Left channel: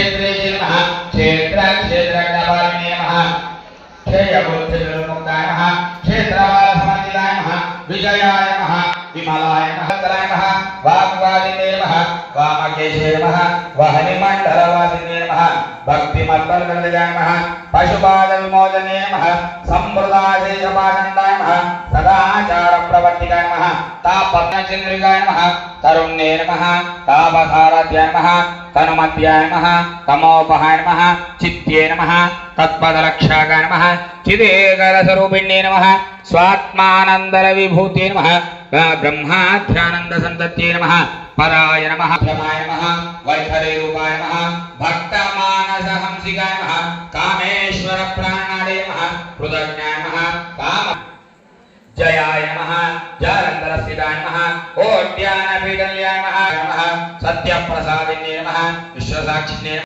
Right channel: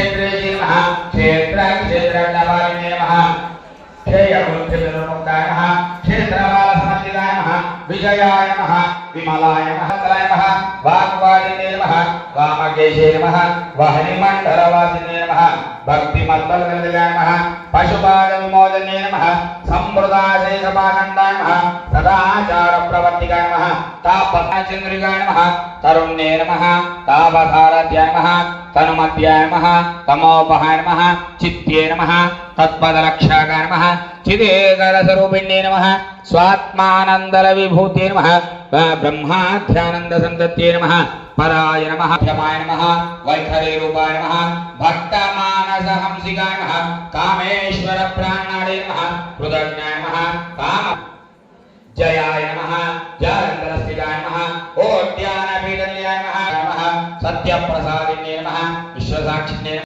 क्षेत्रे नमः क्षेत्र क्षेत्रज्ञवारिणे नमः क्षेयबुद्धिर्मुक्ताय नमः क्षेत्रवासमन्दिताय नमः विजयाय नमः विमलाय नमः तलाय नमः वाग्वादिने नमः वामकेशे नमः वाहनिमण्डलवासिने नमः भक्तिमत्तलनन्दयाय नमः पशुपादविमोचने नमः संप्रदायेशपानन्दाय नमः सदाचारप्रवर्तिकाय नमः तापचन्द्रिकाय नमः तरुण्ये नमः तापसारथ्याय नमः तनुमत्याय नमः तमोपहाय नमः चित्ये नमः तत्पदरक्षकाय नमः चिदेकरस्वरूपिण्ये नमः स्वात्मानन्दविभूते नमः ब्रह्माध्यानन्दसन्तत्ये नमः पराय नमः क्षमाय नमः वैखरी रूपाय नमः भक्तमानसहंसिकाय नमः कामेश्वरप्राणाय नमः कृतज्ञाय नमः काम जयाय नमः जालन्धरस्थिताय नमः ओड्यानपीडल्याय नमः सत्यप्रसादिन्ये नमः विश्वसाक्षिण्ये